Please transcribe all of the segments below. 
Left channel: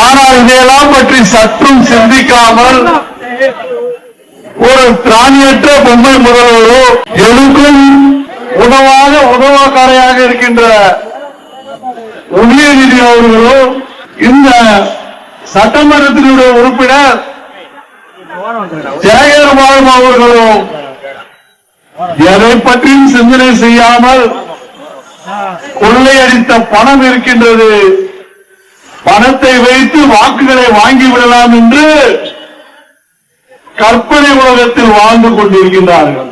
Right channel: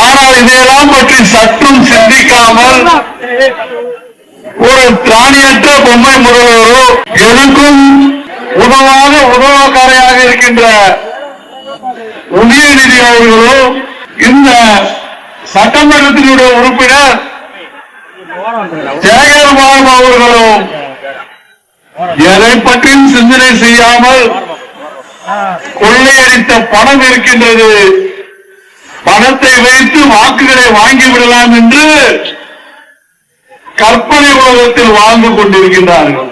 ஆனால் இதையெல்லாம் பற்றி சற்றும் சிந்திக்காமல் ஒரு திராணியற்ற பொம்மை முதல்வரோ எதுக்கும் உதவாத உதவக்காரையாக இருக்கின்ற உதயநிதி அவர்களோ இந்த சட்டமன்றத்தினுடைய உறுப்பினர் ஜெயகர்பாபு அவர்களும் எதை பற்றியும் சிந்தனை செய்யாமல் கொள்ளையடித்த பணம் இருக்கின்றது, பணத்தை வைத்து வாக்குகளை வாங்கிவிடலாம் என்று கற்பனை உலகத்தில் வாழ்ந்து கொண்டிருக்கின்றார்கள்.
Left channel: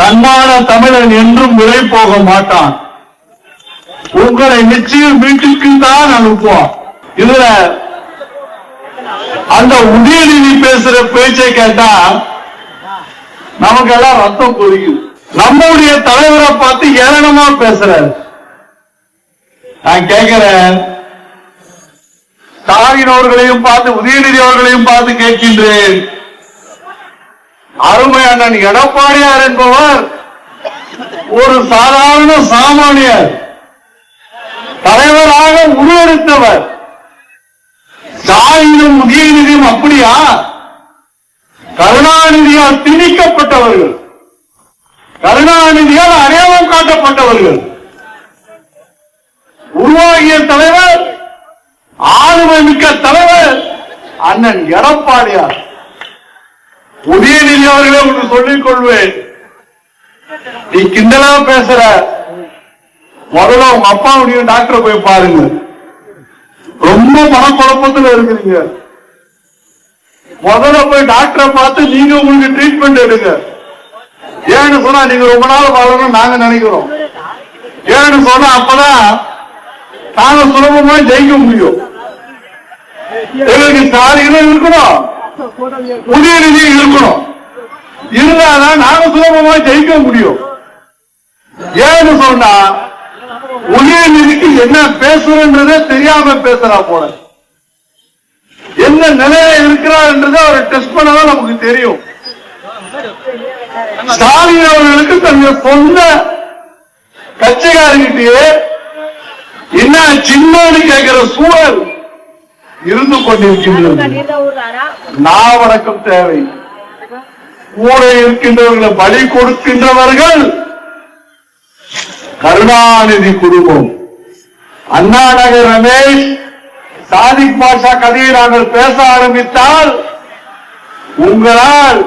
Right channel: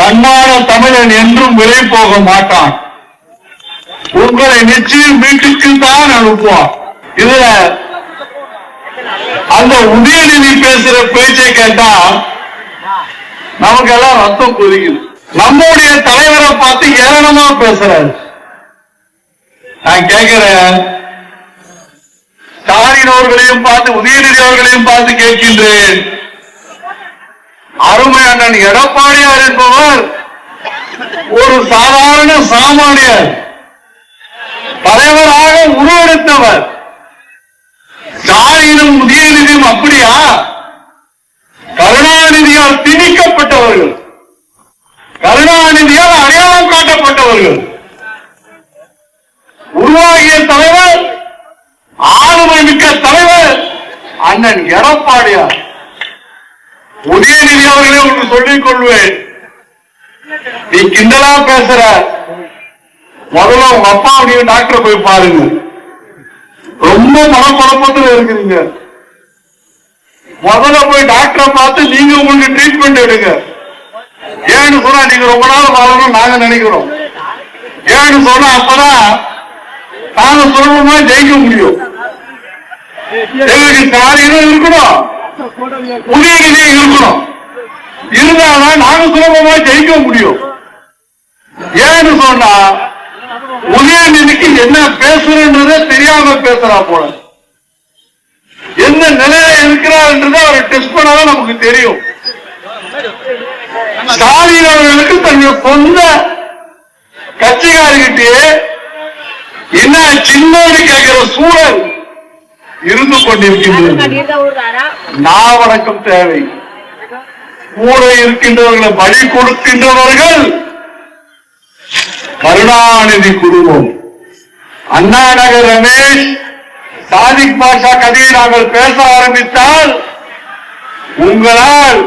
தன்மான தமிழன் என்றும் விலை போக மாட்டான். உங்களை நிச்சயம் வீட்டுக்கு தான் அனுப்புவான். இதுல அந்த உதயநிதி பேசுற பேச்சை கேட்டா நமக்கு எல்லாம் ரத்தம் கொதிக்குது. நம்முடைய தலைவரை பார்த்து ஏளனமா பேசுறாரு. நான் கேட்கிறேன், ஸ்டாலின் அவர்களையும் பார்த்து உதயநிதி அவர்களையும் பார்த்து கேட்கின்றேன், அருமை அண்ணன் எடப்பாடியார் என்பவர் ஒரு சாதாரண சாமானியர், தலைவராக உருவெடுத்தவர். ஸ்டாலினும் உதயநிதியும் அப்படியா? கருணாநிதியால் திணிக்கப்பட்டவர்கள், கருணாநிதியால் அடையாளம் காட்டப்பட்டவர்கள். உருவாகிய தலைவர், ஆளுமை மிக்க தலைவர் அண்ணன் எடப்பாடியார். உதயநிதி அவர்களே ஒன்று சொல்லிக் கொள்வேன், நீ கிண்டலா பேசுற, முதல்ல உங்க அப்பாவுடைய டாக்டரை போய் பாருங்க. ரொம்ப மனக்குழப்பத்தில் இருக்கிறீங்க. முதல்ல போய் டாக்டரை பார்த்து நீங்க உங்களுக்கு ட்ரீட்மெண்ட் எடுங்க. ஏன்னு சொன்னா நீங்க ரொம்ப நாள் வாழணும் நாங்க நினைக்கிறோம். ஏன்னு சொன்னா அப்பதான் நாங்க சுலபமா ஜெயிக்க முடியும். எங்களுக்கு ஸ்டாலினும் இருக்கணும், உதயநிதியும் இருக்கணும். இருந்தாதான் நாங்க சுலபமா ஜெயிக்க முடியும். ஏன்னு சொன்னா உதயநிதிக்கு என்ன பேசுறன்றதே தெரியாம பேசுறா போல, என்ன நிலையில இருக்கிறார்ன்றதை அவரை டெஸ்ட் பண்ணதான் நமக்கு தெரியும். ஸ்டாலின் அவர்களுக்கு தன்னுடைய சொந்த கட்சிக்காரர்கிட்டயே என்ன சின்னோடு கேட்கிற சூழல் இருந்து கொண்டிருக்கின்றது. நாவடக்கம் தேவை. கூட இருக்கின்றவர்களை பலி கொடுக்கின்றவர்கள் கருணாநிதி குடும்பம். அண்ணா நகர் ரமேஷ், சாதிக் பாஷா கதையை நாங்கள் பேச ஆரம்பித்தால் உங்களால்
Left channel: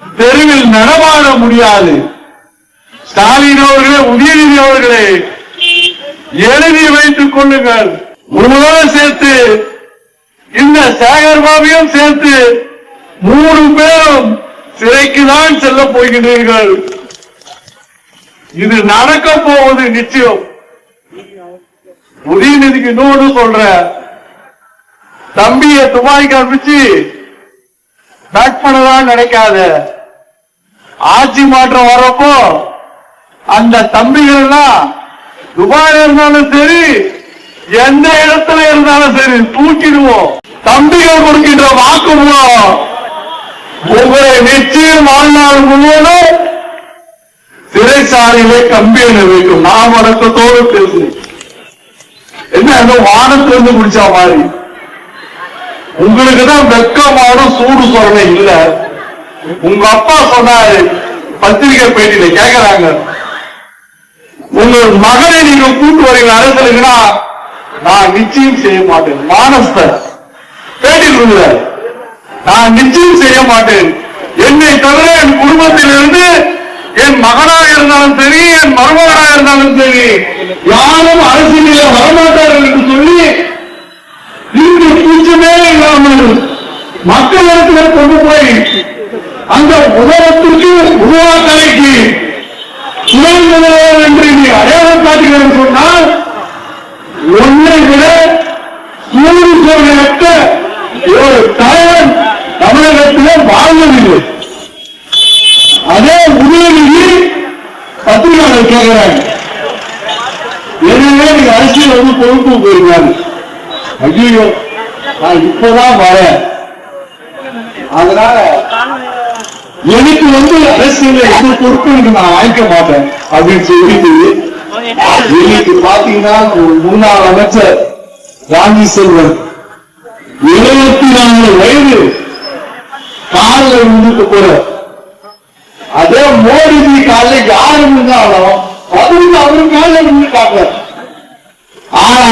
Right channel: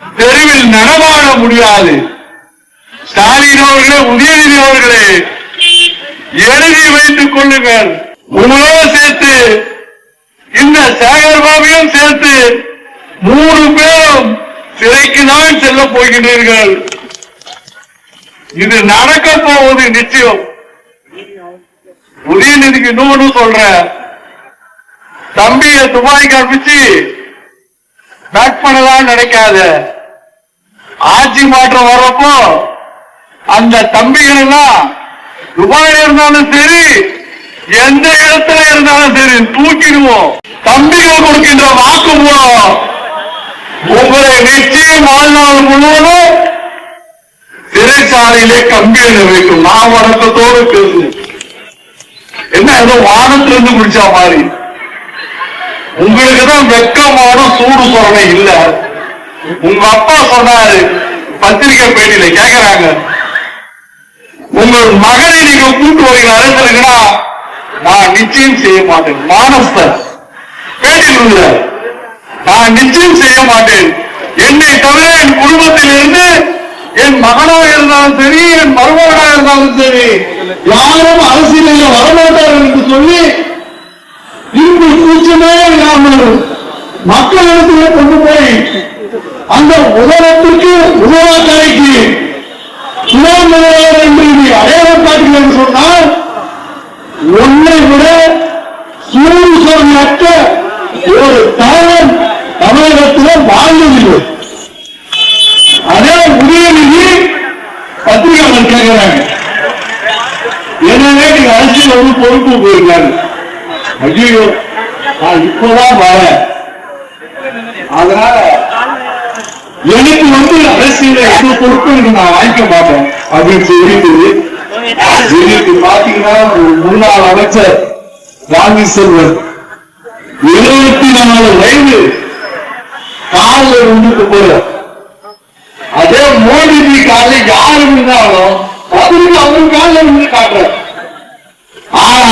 தெருவில் நடமாட முடியாது. ஸ்டாலின் அவர்களே, உதயநிதி அவர்களே, எழுதி வைத்துக் கொள்ளுங்கள். உங்களோட சேர்த்து இந்த சேகர்பாபுவையும் சேர்த்து 3 பேரும் சிறைக்கு தான் செல்ல போகின்றீர்கள். இது நடக்க போவது நிச்சயம். உதயநிதிக்கு இன்னொன்று சொல்ற, தம்பிய துபாய்க்கு அனுப்பிச்சு பேக் பண்ணதான் நினைக்காத. ஆட்சி மாற்றம் வர்றப்போ அந்த தம்பிகள் எல்லாம் துபாயில இருந்தாலும் சரி, எந்த இடத்துல இருந்தாலும் சரி தூக்கிடுவோம். தம்பிகள் கொடுக்கின்ற வாக்கு மூலம் உங்களை நிச்சயம் வாழ்நாள் முழுவதும் சிறைச்சாலையிலே கம்பியில வைக்கும். நாம் அடக்கத்தோடு பேசு. என்ன ஏதோ வானத்திலிருந்து குடிச்சா மாதிரி. உங்களுக்கு தான் வெக்கமான சூடு சொரணை இல்ல. உங்க அப்பா சொன்னாரு பத்திரிகை பேட்டியில, கேட்கிறாங்க, உங்கள் மகனை நீங்க கூட்டு வரீங்க அரசுனா நான் நிச்சயம் செய்ய மாட்டேன். மானஸ்தர் பேட்டியில் இருக்கிறார், நான் நிச்சயம் செய்ய மாட்டேன். என்னை தவிர என் குடும்பத்தில் இருந்து என் மகனாக இருந்தாலும் சரி, என் மருமகனாக இருந்தாலும் சரி, யாரும் அரசியலில் வரமாட்டார்கள் என்று சொல்லி இங்கு கூச்சமே இல்லாமல் மக்களிடத்தில் கொண்டு போய் அந்த உதவத்திற்கு உருவாக்கலைக்கு துணை முதல்வர் என்று நீ அடையாளம் காட்டுகிறேன் சொன்னால் ஒன்றை விட சூடு சோதனையற்ற ஒரு தலைவன் தமிழகத்திலே வாழ்ந்ததில்லை. அதே உதயநிதி பத்திரிகையாளர் கேட்கிறாங்க, எனவே நீங்க அரசியல் வந்து பொறுப்பு போயிருக்காரு. ஐயோ நான் இப்பதான் வரேன், அதனால எனக்கு வந்து அரசியல எந்த பொறுப்பும் நான் வாங்கிக்க மாட்டேன் அப்படின்னு சொல்லிட்டு இன்னைக்கு பாத்தீங்கன்னா முன்னாள் அமைச்சர் காந்தி செல்வன் 74 வயது காலில் விழுந்துட்டு போற. அதே மோடிஜி காலில் யாரு இருந்தாலும் அவரும் காலில் விழுந்து காட்டுற. ஆனா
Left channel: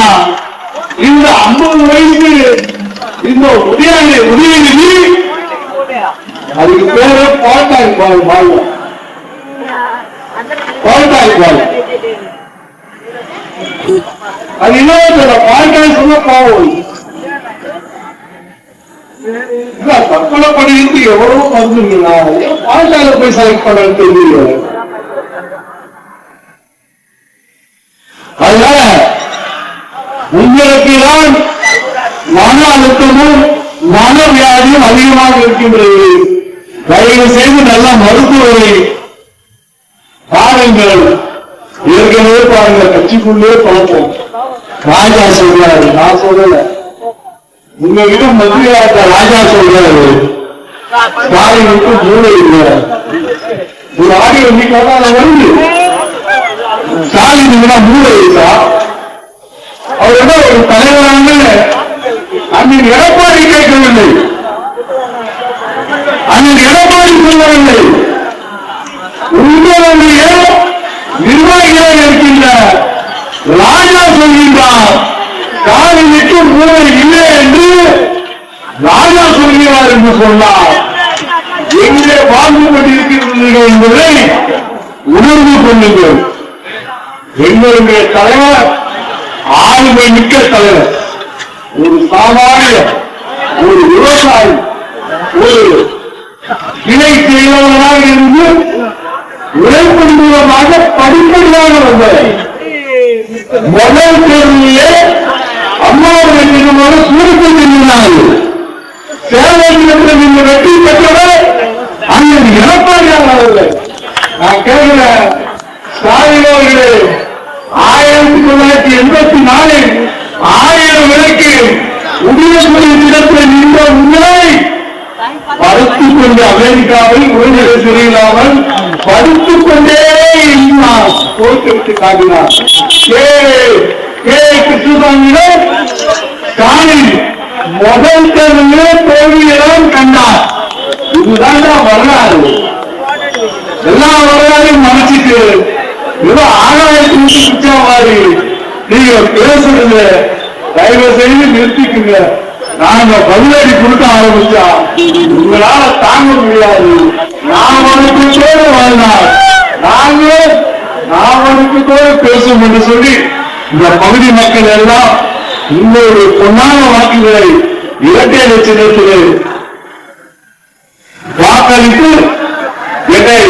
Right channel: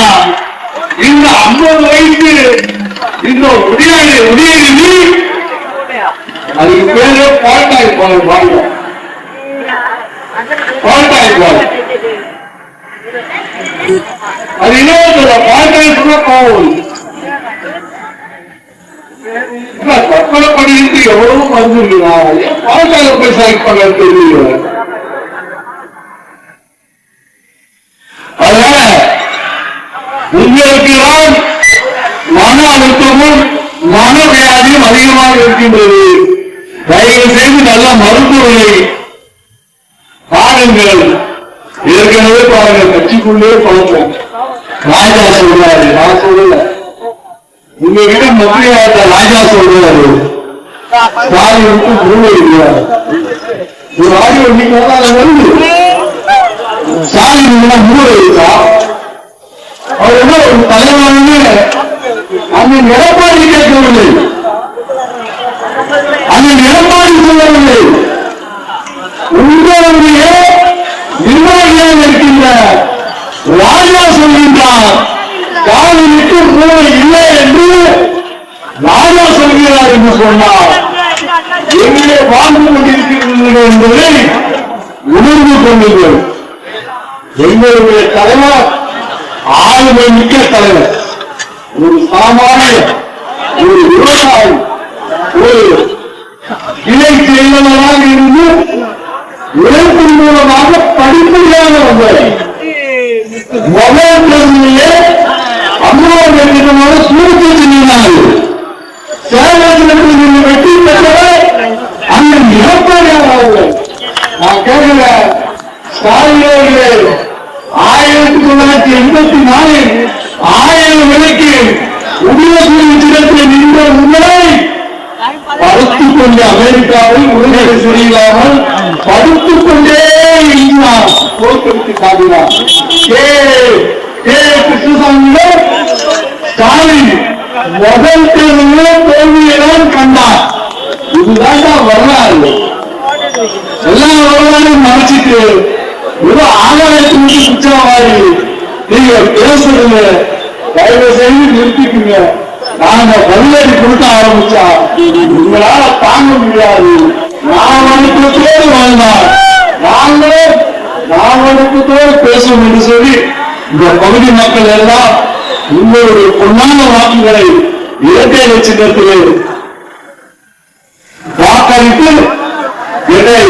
இந்த 50 வயசு இந்த உதயநிதி அதுக்கு பேரு பால்டாய் பால் அது இன்னொரு பால்டாய் சொன்னா பாவம். தற்கொலை படிக்கு எவ்வளவு வந்துருக்குதா? பால்டாயில போய் செலக்ட் பண்ண தெரியல. அதனால உங்களுக்கு தான் மன அழுத்தமும் மன வியாதியும் அதிகமாக இருக்கின்றது. தயவு செய்து நல்ல மருத்துவரை பாருங்கள். ஏற்கனவே பாருங்க, கட்சிக்குள்ளே பழக்கம். ராஜா சொல்றாரு, நான் சொல்லல, உங்ககிட்ட மந்திரியாட்ட ராஜா சொல்றாரு, ஸ்டாலினுக்கு மூளை இருக்கிறார். ஒரு ஆடியோ இன்னைக்கு வருது, ஸ்டாலினுக்கு மூளை இருக்கா? அவர் என்ன ஒரு தலைவரான அண்ணன் எடப்பாடி கேட்கவில்லை, அண்ணன் எடப்பாடி சொல்லவில்லை. உங்களுடைய நிர்வாகியாக இருக்கின்ற ராஜா சொல்கின்றார், ஸ்டாலினுக்கு மூளை இல்லை என்று ராஜா சொல்கிறார் என்று சொன்னார். எங்கே வாழ்ந்து கொண்டிருக்கிறீர்கள் என்பதை உணர்ந்து கொள்ளுங்கள். எங்களுடைய தலைவர் ஆளுமை மிக்க தலைவர், ஒரு சாமானிய ஒரு விவசாயி, ஒரு இணை செயலாளராக இருந்து உழைப்பின் மூலமாக படிப்படியாக வந்தார். முதல் தேர்தலிலே அம்மாவுடைய நிறுவன சுருக்க சென்றார்கள். சேலத்தில் நீங்கள் வெற்றி பெற்றவர் அந்த எடப்பாடியாக அவர்கள். நான் கேட்கிறேன், ஸ்டாலின் அவர்களே, 1984 1000 விலைக்கு உதயசூரிய சிறப்பில் நின்ற உங்களை படுத்துக் கொண்டு அமெரிக்காவில் உரிமையை சொல்லிடாமல் படித்துக் கொண்டே இருந்தார். தோற்கடித்து காட்டினார். கிருஷ்ணசாமியிடம் ஸ்டாலின் முதல் தேர்தலிலே தோல்வியைதான் கண்டார். இதுதான் வரலாறு. எல்லா வரலாறும் மறைச்சிட்டு ஏதோ ஆகாயத்தை விட்டு குற்றவாளி நீங்க பேசுறது தயவு செய்து நிறுத்திக்குங்க. நாங்க பதிலடி கொடுக்க ஆரம்பிச்சா உங்களால தாங்க முடியாது. நான் வணக்கத்தோடு வாழ்ந்தார், நான் வணக்கத்தோடு பேசும் என்று சொல்லி இந்த பகுதி மக்கள் எல்லாம் உங்களுடைய பொன்னான வாக்குகளை இரட்டை லட்சத்திலே வாக்களித்து என்னை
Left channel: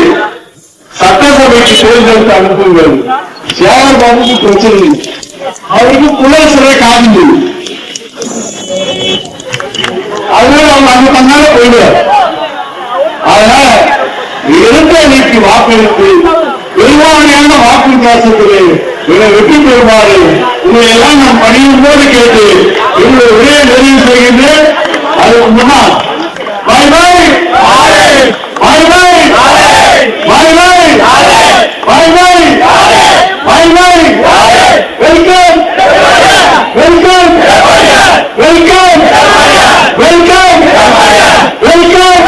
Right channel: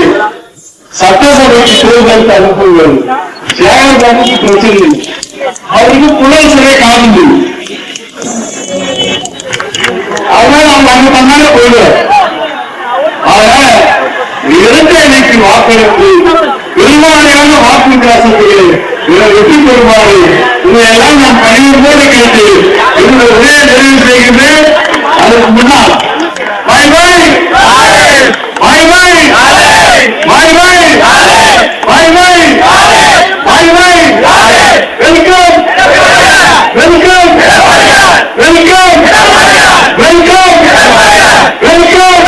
சட்டசபைக்கு தேர்தலுக்கு அனுப்புங்கள். சேகர்பாபுக்கு பிரச்சனை, அவருக்கு புலர் சிறை காண்பு, அதனால அவங்க அங்க தன்னால போயிடுவார். அதனால இரட்டை இணைக்கு வாக்களித்து பெரும்பான்மையான வாக்கு வித்தியாசத்திலே இதை வெற்றி பெறுமாறு உங்களை எல்லாம் நான் பணியும் போது கேட்டு இவங்க ஒரே நிறைவு செய்கின்றேன். அதுக்கு முன்னால் bye bye bye bye bye bye bye bye bye bye welcome welcome welcome welcome welcome